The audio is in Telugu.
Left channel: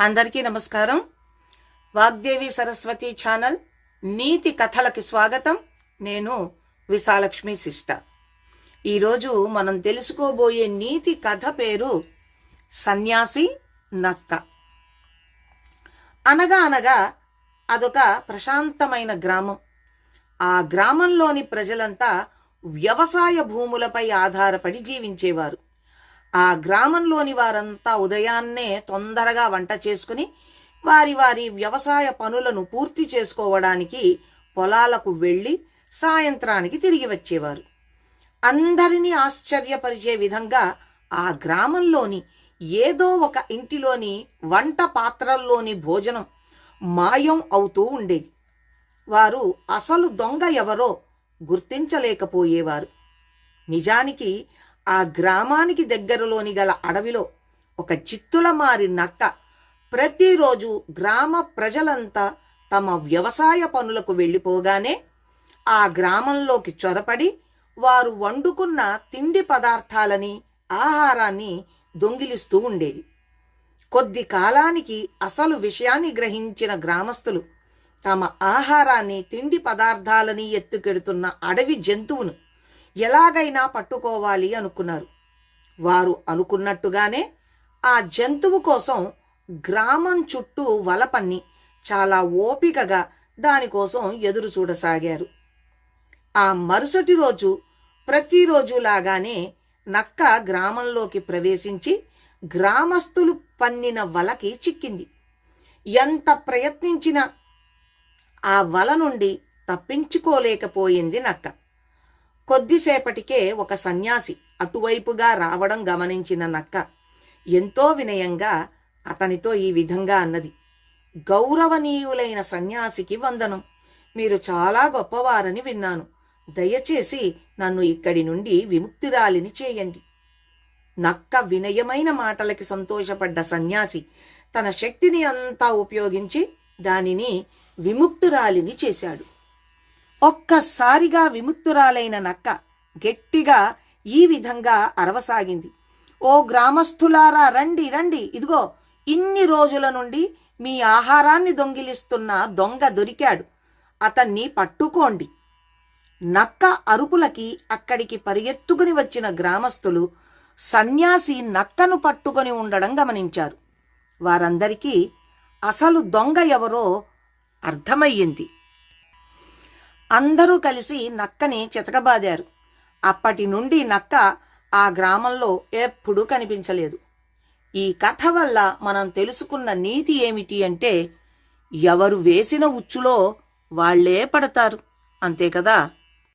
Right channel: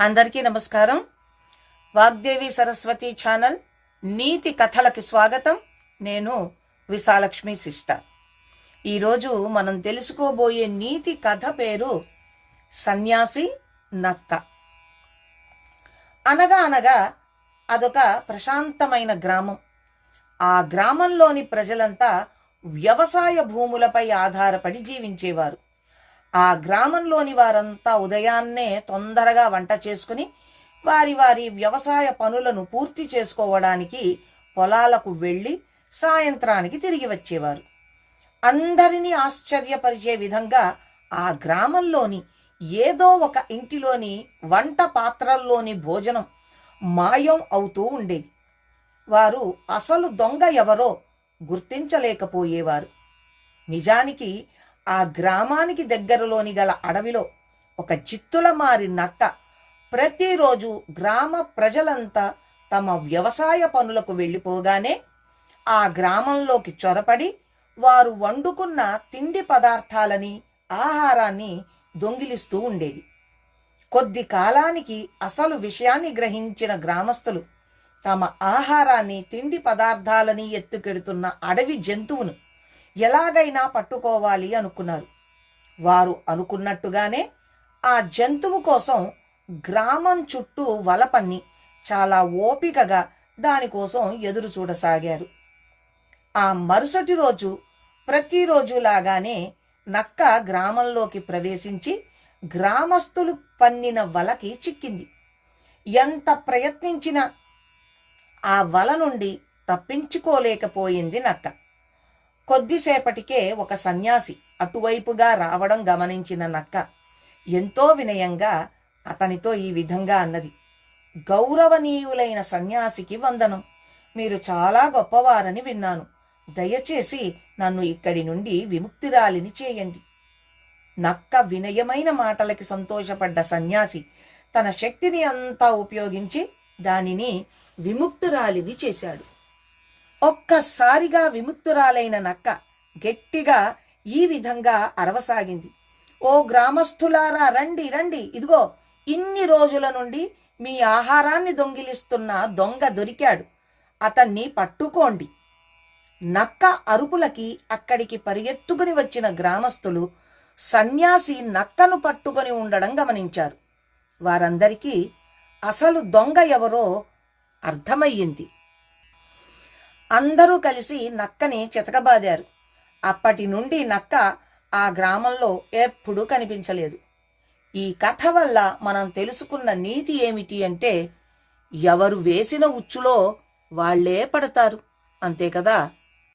అందరికీ నమస్కారం. వాగ్దేవి సరస్వతి ఛానల్ నీతి కథలకి స్వాగతం. నేను విశాలక్ష్మి శిష్ట ఈరోజు మనం తెలుసుకోబోయే నీతి కథ పేరు సన్యాసి నక్క. అనగా అనగా అదొక ప్రశాంతమైన గ్రామం. ఆ గ్రామంలోని ప్రజలంతా వ్యవసాయ భూములపై ఆధారపడి జీవించేవారు. ఆ గ్రామంలోని వారంతా ఉదయాన్నే తొందరగా వంట చేసుకుని వారి వారి వ్యవసాయ పనులను పూర్తి చేసుకోవడానికి పొలాలకు వెళ్ళి సాయంత్రానికి తిరిగి వచ్చేవారు. అందరినీ ఆశ్చర్యపరిచే విధంగా ఆ గ్రామంలోని ఏదో ఒక ఇంటిలోని వంట పాత్రల్లోని భోజనం మాయం అవుతూ ఉండేది. వారు అసలు దొంగ ఎవరో గుర్తించలేకపోయేవారు. నిజానికి ఆ గ్రామానికి దగ్గరలోని గల అడవిలో ఒక చిత్తుల మారి నక్క ప్రతిరోజు గ్రామ ప్రజలంతా తమ వ్యవసాయ పనులకు వెళ్ళిపోగానే ఆ గ్రామంలోకి చొరపడి వారు వండుకున్న తిండి పదార్థాలని ఆహారాన్ని దొంగిలిస్తూ ఉండేది. కొద్ది కాలానికి అసలు విషయాన్ని గ్రహించిన గ్రామస్తులు తమ ఆహారాన్ని తిండి పదార్థాలని ఎత్తుకెడుతున్న అడవి జంతువును ఎలాగైనా పట్టుకోవాలి అనుకున్నారు. వారు అనుకున్నట్టుగానే ఆ జంతువు కోసం గ్రామం చుట్టూ వలపన్ని చాలా ఓపికగా దానికోసం ఎదురు చూడసాగారు. ఆ మరుసటి రోజు ప్రతిరోజు లాగానే నక్క గ్రామంలోకి ప్రవేశించి గ్రామస్తులు పన్నిన వలకి చిక్కింది. ఎంత ప్రయత్నించినా ఆ వల నుండి తప్పించుకోలేకపోయింది నక్క. కొద్దిసేపటికే ఒక సన్యాసి అటువైపుగా రావడం గమనించిన నక్క ఎంతో వినయంగా అతనితో ఈ విధంగా అన్నది గౌరవనీయులైన సన్యాసికి వందనం. మీరు చాలా గొప్పవారని విన్నాను. దయచేసి నన్ను ఇక్కడి నుండి విముక్తిరాలిని చేయండి. నక్క వినయమైన మాటలకి సంతోషపడ్డ సన్యాసి తన శక్తిని అంతా ఉపయోగించి దానిని విముక్తురాలిని చేశాడు. ఒక్కసారిగా విముక్తురాలైన నక్క గట్టిగా ఈ విధంగా అరవసాగింది. ఓ గ్రామస్థులారా రండి రండి. ఇదిగో ఇన్ని రోజుల నుండి మీ ఆహారాన్ని దొంగిలిస్తున్న దొంగ దొరికాడు. అతన్ని పట్టుకోండి. నక్క అరుపులకి అక్కడికి పరిగెత్తుకుని వచ్చిన గ్రామస్తులు సన్యాసి నక్కను పట్టుకొని ఉండడం గమనించారు. వారందరికీ అసలు దొంగ ఎవరో అర్థమయ్యింది. అందరూ కలిసి నక్కని చితకబాదారు. అప్పటి నుండి నక్క ఆ గ్రామంలో ఎప్పుడూ కనిపించలేదు. ఈ కథ వల్ల మనం తెలుసుకున్న నీతి ఏమిటి అంటే ఎవరు వేసిన ఉచ్చులో వాళ్ళే పడతారు. అంతే కదా?